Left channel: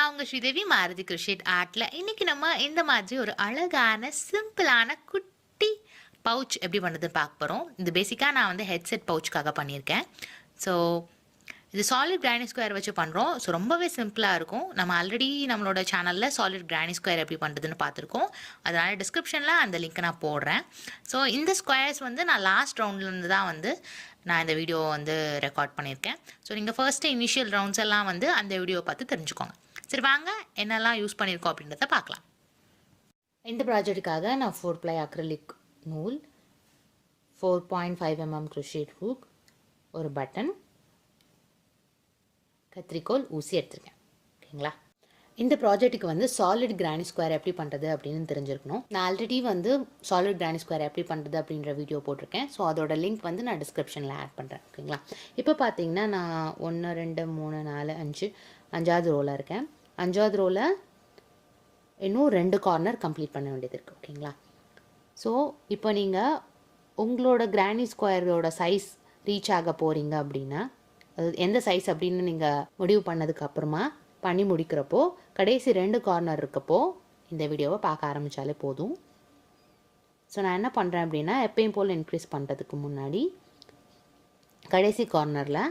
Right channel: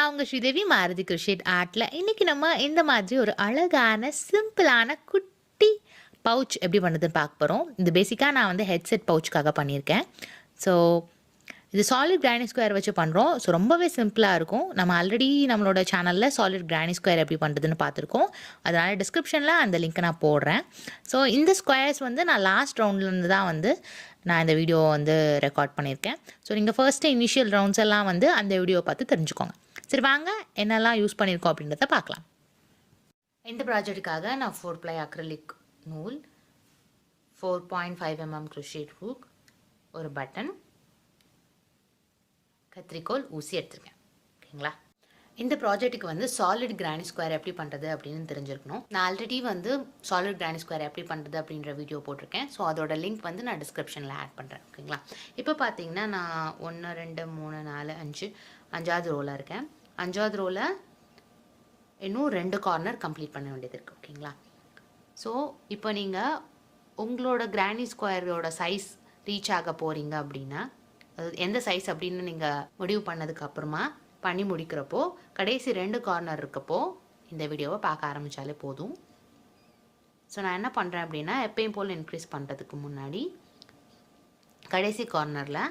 நான் உங்கள் ஸ்ரீதேவி மாருதி Crochet ஆர்ட்டில் இன்றைக்கி நம்ம இந்த மாதிரி ஒரு அழகான சிம்பிளான குட்டி பவுச் எப்படி பண்ணுறதுன்னு பார்க்க போகிறோம். இது பேசிக்காக நான் வந்து ஹெட்செட் பவுச்சுக்காக பண்ணியிருக்கேன். ஸோ இது சாலிட் கிரானி ஸ்கொயர் வச்சு பண்ணுறோம். ஸோ ரொம்பவே சிம்பிளாக இருக்கும். நம்ம ஆல்ரெடி நம்மளோட சேனலில் சாலிட் கிரானி ஸ்கொயர் எப்படி பண்ணுறதுன்னு பார்த்துருக்கோம். அதனால் டிஸ்கிரிப்ஷனில் அந்த லிங்க்கை நான் போடுறேன். ஸோ இந்த ஸ்கொயர்ஸ் வந்து நான் லாஸ்ட் ரவுண்ட்லேருந்து தான் வந்து நான் இந்த வீடியோ வந்து ரெக்கார்ட் பண்ணியிருக்கேன். ஸோ நீங்கள் ஃபர்ஸ்ட்டு இனிஷியல் ரவுண்ட்ஸ் எல்லாம் வந்து அந்த வீடியோ பார்த்து தெரிஞ்சுக்கோங்க. சரி வாங்க என்னெல்லாம் யூஸ் பண்ணியிருக்கோம் அப்படின்றத பார்க்கலாம். இந்த ப்ராஜெக்ட்டுக்காக நான் 4 ply அக்ரிலிக் நூல், 4.5 mm crochet hook, ஒரு பட்டன், கத்திரிக்கோல், ஊசி எடுத்திருக்கேன். ஓகேங்களா? இந்த ப்ராஜெக்ட்டுக்கு வந்து சாலிட் கிரானி ஸ்கொயர் எப்படி பண்ணுறது அப்படின்னு தெரிஞ்சிருக்கணும். நான் ஆல்ரெடி வந்து சாலிட் கிரானி ஸ்கொயர் எப்படி பண்ணுறது அப்படின்ற வீடியோ போட்டிருக்கேன். ஸோ அதோட லிங்க் வந்து நான் டிஸ்கிரிப்ஷனில் ஆட் பண்ணுறேன். ஓகேங்களா? இப்போ பார்த்தீங்கன்னா நான் 1 2 3 4 5 5வது ரோவில் இருக்கேன். 5வது ரோவில் இன்னும் 2 கார்னர் கம்ப்ளீட் பண்ண வேண்டியது இருக்குது. ஓகேங்களா? ஸோ இப்போ நீங்கள் உங்களோட கிரானி ஸ்கொயரோட சைஸ் ரீச் ஆக போகிறீங்க அப்படின்னா, அது எந்த சைஸ் அப்படின்னு நீங்கள் முடிவு பண்ணதுக்கப்புறமா பண்ணி முடிக்கிறப்போ கடைசி 2 கார்னர் இருக்கப்போ இந்த வீடியோவை பார்க்க ஆரம்பித்தாலே போதும். ஸோ நான் என்ன பண்ணுறேன் அப்படின்னா, எப்பயும் போல் இன்க்ரீஸ் பண்ணுறதுக்கு முன்னாடி கடைசி கார்னரில்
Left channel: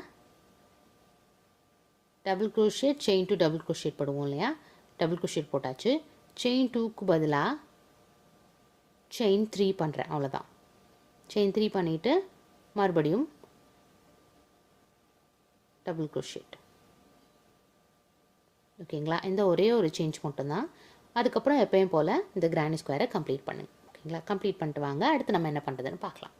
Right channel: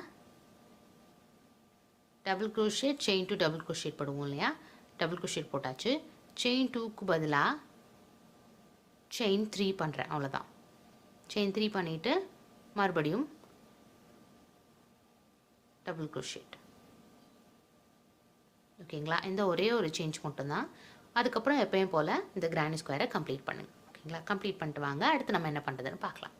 double crochet chain 2 double crochet போடுவோம் இல்லையா, டபுள் க்ரோஷேட் போட்டாச்சு. செயின் 2க்கு பதிலாக செயின் 3 பண்ணுறேன். அவ்வளோதான். செயின் 3 பண்ணிவிட்டு மறுபடியும் டபுள் க்ரோஷேட். ஓகேங்களா? இந்த ஒரே ஒரு சேஞ்ச் மட்டும்தான். அதுக்கப்புறம் எப்பயும் போல் இந்த கிரானி ஸ்கொயரை கம்ப்ளீட் பண்ணுங்க. ஓகேங்களா? கம்ப்ளீட் பண்ணிட்டு வாங்க. அடுத்து நம்ம என்ன பண்ணுறதுன்னு பார்க்கலாம்.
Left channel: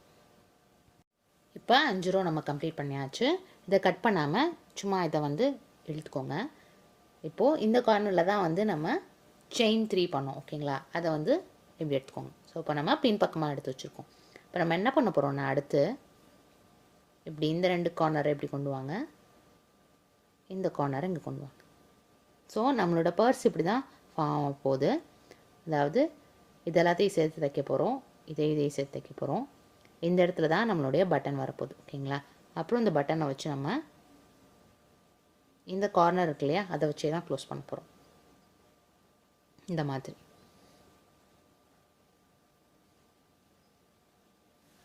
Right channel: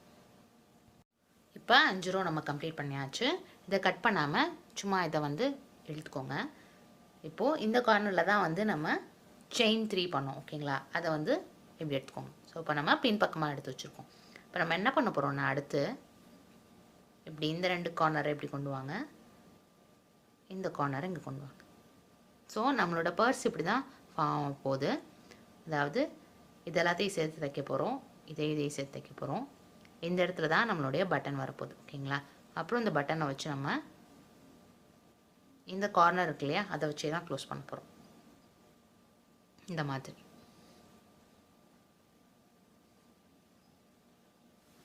இப்போ 5 ரோ நம்ம கம்ப்ளீட் பண்ணியாச்சு. இதை கட் பண்ணாமல் சும்மா இதை வந்து இழுத்துக்கோங்க. இப்போது இந்த கார்னரில் தான் வந்து நம்ம செயின் 3 பண்ணோம். ஓகேங்களா? அதை வந்து இப்படி எடுத்துக்கோங்க. ஸோ இப்போ நம்ம பின் பக்கமாக எடுத்து வச்சுருக்கோம். இப்போ நம்ம என்ன பண்ண போகிறோம்னா, அடுத்து இப்படி இந்த 2 கார்னரை இப்படி கொண்டு வாங்க, இந்த கார்னரை இங்கே கொண்டு வாங்க. ஸோ நம்மளோட பர்ஸ் இப்படி தான் ஃபார்ம் போகுது. அதாவது இது எல்லாத்தையும் சேர்த்து தைக்க போகிறோம், இதையும் சேர்த்து தைக்க போகிறோம். இந்த இடத்துல தான் நம்மளுடைய பட்டன் வரப்போகுது. ஓகேங்களா? அப்புறம் இந்த பட்டனை வச்சு நம்ம இந்த கார்னர் இருக்கு இல்லையா, அதை வச்சே தான் க்ளோஸ் பண்ண போகிறோம். இந்த மாதிரி.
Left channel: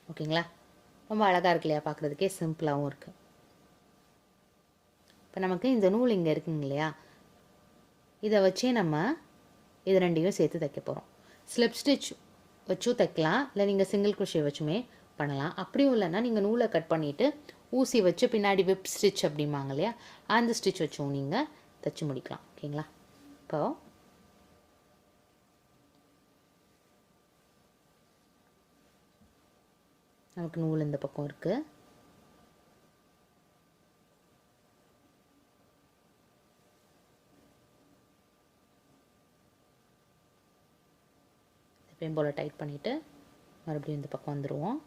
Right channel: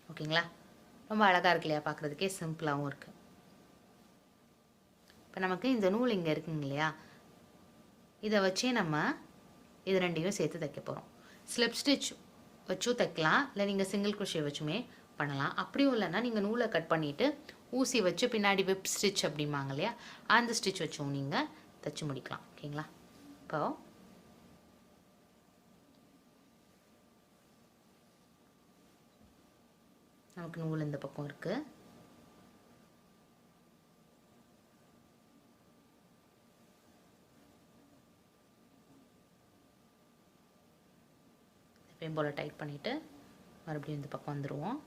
ஓகேங்களா? ரொம்ப அழகாக இருக்கு இல்லையா, பார்க்குறதுக்கே சிம்பிளாகவும் இருக்குது. இப்போ நமக்கு இந்த நூல் இங்கே இருக்குங்க இல்லையா, இதை வச்சே நம்ம இது 2ஐயும் சேர்த்து தைக்க போகிறோம். ஸ்லிப் ஸ்டிச் வச்சும் தைக்கலாம், இல்லை நீங்கள் சிங்கிள் குரோஷே வச்சுமே பண்ணலாம். அப்படியும் இல்லைன்னா நீங்கள் நூலை கட் பண்ணிவிட்டு ஊசி வச்சு பின்னாடி விப் ஸ்டிச் அப்படிம்பாங்க இல்லையா, அந்த ஸ்டிச் வச்சும் நீங்கள் தைச்சி முடிக்கலாம். ஓகேங்களா? இப்போ நமக்கு நூல் இந்த பக்கம் இருக்குது. எப்பயும் போல் டைட் பண்ணிவிட்டு மறுபடியும் இந்த பக்கம் வந்துடுவோம்.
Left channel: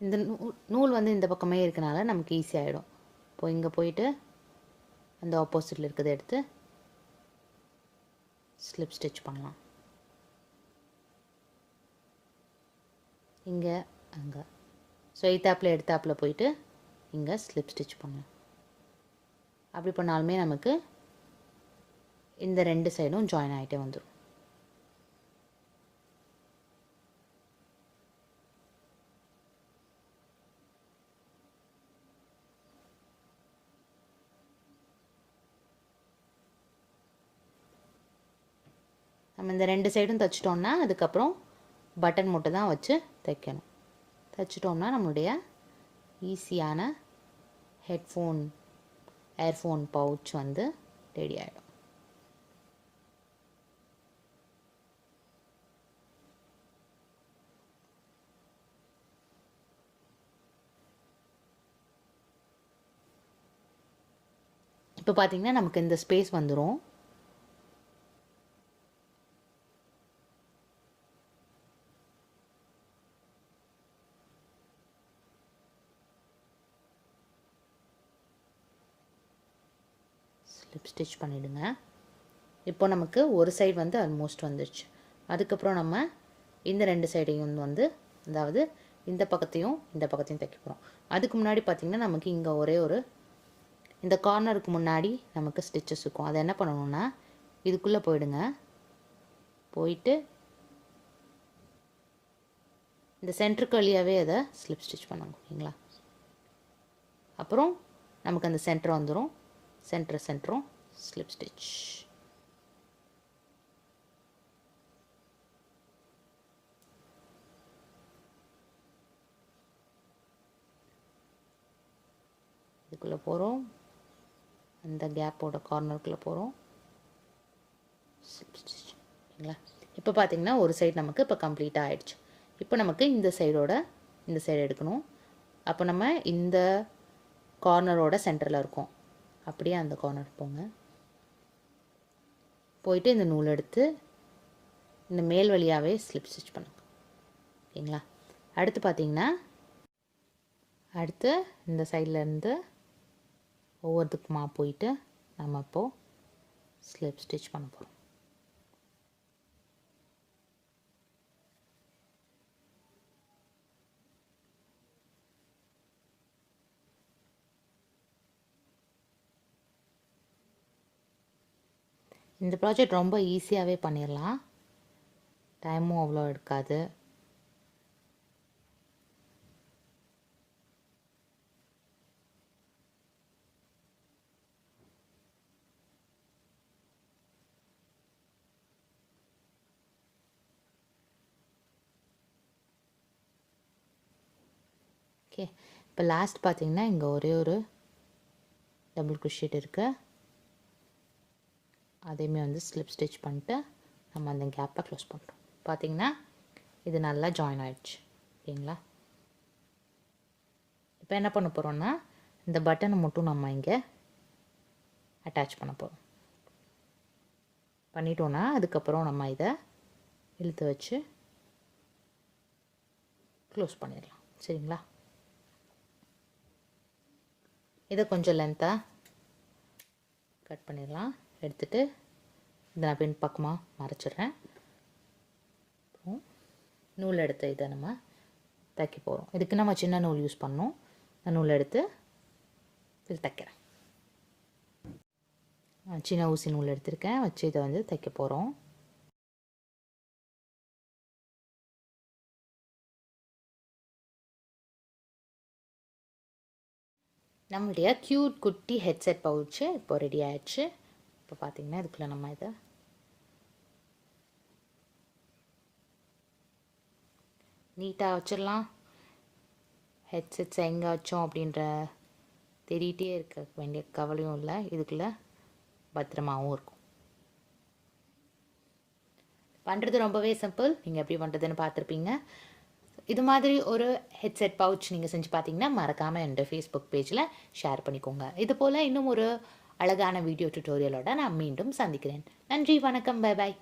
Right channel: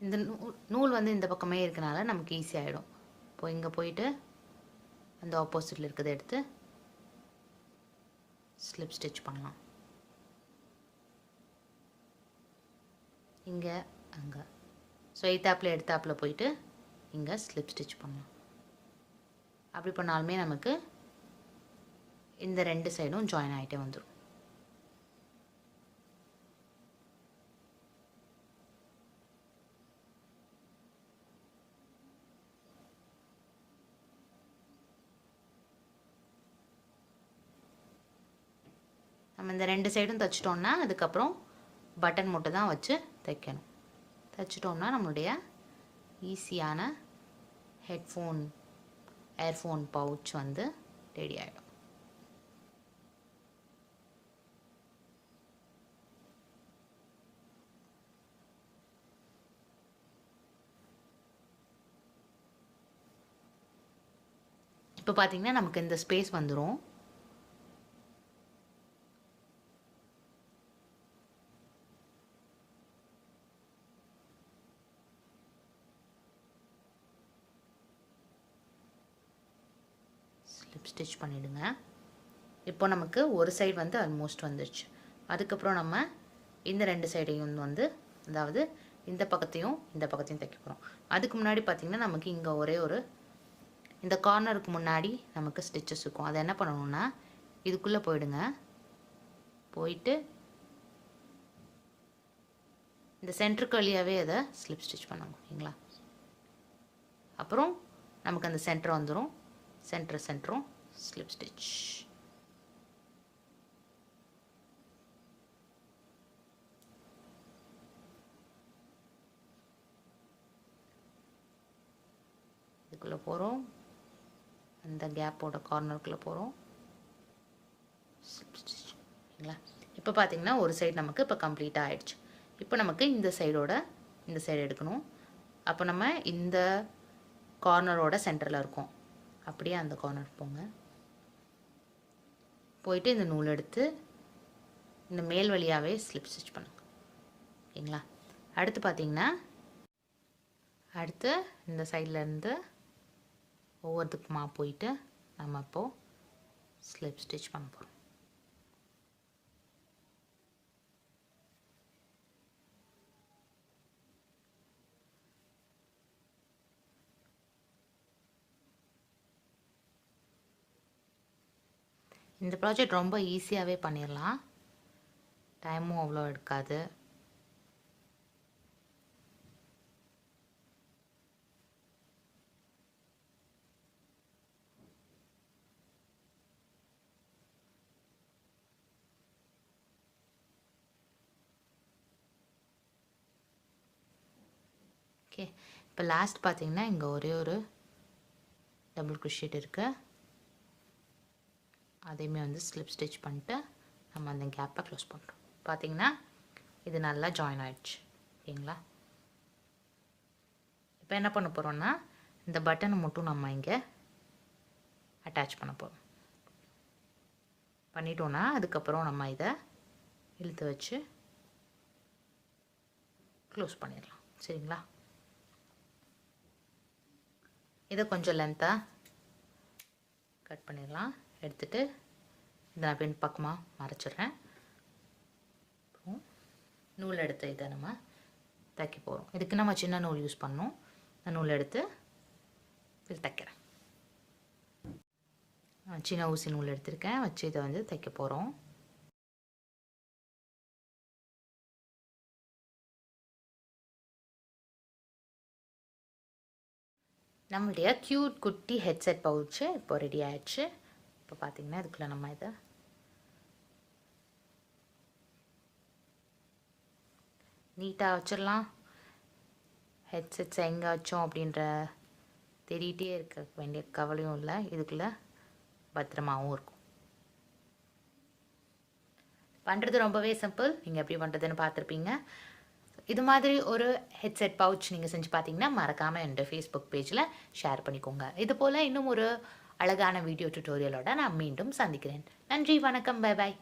இந்த நூல் வந்து இந்த பக்கமே இருக்கனால நமக்கு ஈஸியாகிடும். இப்போ இங்கே போயிட்டு அந்த ஆப்போசிட்டில் இருக்கிறத எடுத்து ஸ்லிப் ஸ்டிச் பண்ணலாம். இங்கே அங்கே ஸோ எய்த்தாப்பில் எடுத்தாப்பில் போயிட்டு இங்கே ஸ்லிப் ஸ்டிச் பண்ணலாம். அப்படி பண்ணாலுமே நமக்கு இந்த 2 சைடும் ஜாயின் ஆகிட்டே வந்துடும். நம்ம இந்த 2 சைடும் தைச்சிட்டோம்னா அதுக்கப்புறம் பட்டன் மட்டும் தான் வச்சு தைக்கணும். தைச்சிட்டோம்னா நம்மளுடைய ஈஸியான ஹெட்ஃபோன் ஏர்ஃபோன் பவுச் வந்து ரெடி ஆகிடும். இப்போ பார்த்தீங்கன்னா நமக்கு இந்த ஸ்பேஸ் வந்துடும். ஸ்லிப் ஸ்டிச் பண்ணிவிடுங்க. இப்போ நமக்கு ஒரு சைடு வந்து ஆல்மோஸ்ட் வந்துடுச்சு. அதுக்கப்புறம் நம்ம இந்த 2 சைடையும் வந்து அதாவது இந்த பக்கத்தையும் இந்த பக்கத்தையும் தைக்க போகிறோம். அதுக்கு முன்னாடி பார்த்திங்கன்னா நமக்கு இங்கே ஒரே ஒரு இந்த கார்னருக்கு முன்னாடி நமக்கு ஸ்டிச்சஸ் இருக்கும். அதை என்ன பண்ணணும்னா இதுக்குள்ளே போயிடுங்க. போயிட்டு இந்த சென்டருக்கு வழியாகவே அதை ஸ்லிப் ஸ்டிச் பண்ணுங்க. ஓகேங்களா? அப்புறம் நமக்கு அந்த சென்டர் வந்துடும். சென்டரும் ஸ்லிப் ஸ்டிச். இதுக்குள்ளே போகிறோம். அந்த கேப்போட கார்னருக்குள்ளே போகிறோம். Slip stitch. ஓகேங்களா? இப்போ பார்த்திங்கன்னா ஒரு சைடு நமக்கு இப்போ கம்ப்ளீட்டாக ஆகிடுச்சு. இப்போ நமக்கு இந்த சைடு எடுக்கணும். அப்போ நம்ம இந்த கார்னரோட சென்டரில் இருக்கோம். அப்படியே அந்த கார்னர் போங்க. போயிட்டு இந்த நூல் எடுத்து இந்த மேல் வழியாகவே ஸ்லிப் ஸ்டிச் பண்ணுங்க. ஓகேங்களா? அடுத்து பார்த்திங்கன்னா இந்த சைட்லேருந்து ஒவ்வொருத்துக்குமா போயிட்டு நம்ம இப்போது ஸ்லிப் ஸ்டிச் பண்ண போகிறோம். இந்த ப்ராஜெக்ட் ரொம்ப ஈஸியாகவே பண்ணிடலாம். டைமும் அவ்வளோ எடுக்காது. ஓகே, இப்போ லாஸ்ட் பார்த்திங்கன்னா இங்கே ஒரே ஒரு டபுள் crochet இருக்குது. அதையுமே வந்து ஸ்லிப் ஸ்டிச் பண்ணிட்டு நம்ம அந்த கேப்பை க்ளோஸ் பண்ணுறோம். பார்த்திங்கன்னா இது நல்லா ஜாயின் ஆகிடுச்சு. ஓகேங்களா? இப்போ என்ன பண்ண போகிறோன்னா இந்த பட்டனை மட்டும் நம்ம இங்கே அட்டாச் பண்ண போகிறோம். பண்ணிட்டோன்னா அதுக்கப்புறம் நம்ம இதை இழுத்து வச்சு க்ளோஸ் பண்ணிடலாம். சரிங்களா? இதை கொஞ்சம் லென்த்தாக கட் பண்ணிடலாம். எடுத்துகிட்டு இதை நான் பின் பக்கமாக மறைச்சிட்றேன். அப்புறம் நூல் எடுத்து இதை நம்ம தைக்க போகிறோம். இதுக்கு நம்ம சின்ன நூல் யூஸ் பண்ணோம். நான் நூல் எடுத்து இது தைக்கிறேன். சின்ன ஊசி நூல் எடுத்திருக்கேன். வச்சு இதை வந்து தைக்க போகிறோம். நம்மளுடைய க்யூட் குட்டி ஹெட்செட் பவுச்சு இப்போ ரெடி ஆயிடுச்சு. இப்போ பார்த்திங்கன்னா இதுக்குள்ளே நம்ம இதை நீட்டாக வச்சிடலாம். ஹெட்செட்ஸ் எங்கே வச்சோம் அப்படின்ற தேடிகிட்டே இருக்க வேண்டிய கவலையும் இல்லை. இதுக்குள்ளே பத்திரமாகவும் இருக்கும். பண்ணுறது ரொம்பவே சிம்பிள். நீங்கள் எப்படி பண்ணுறதுன்னு பார்த்துருப்பீங்க. இது மாதிரி ஒரு ஹெட்செட் பவுச் நீங்கள் செஞ்சு பார்த்தீங்கன்னா மறக்காமல் என்னோடய ஃபேஸ்புக் பேஜில் ஷேர் பண்ணிக்கோங்க. இது போல் இன்னும் ஒரு அழகான வீடியோ டியூட்டோரியலோட நான் மீண்டும் சந்திக்கிறேன். நன்றி, வணக்கம், பை பாய்.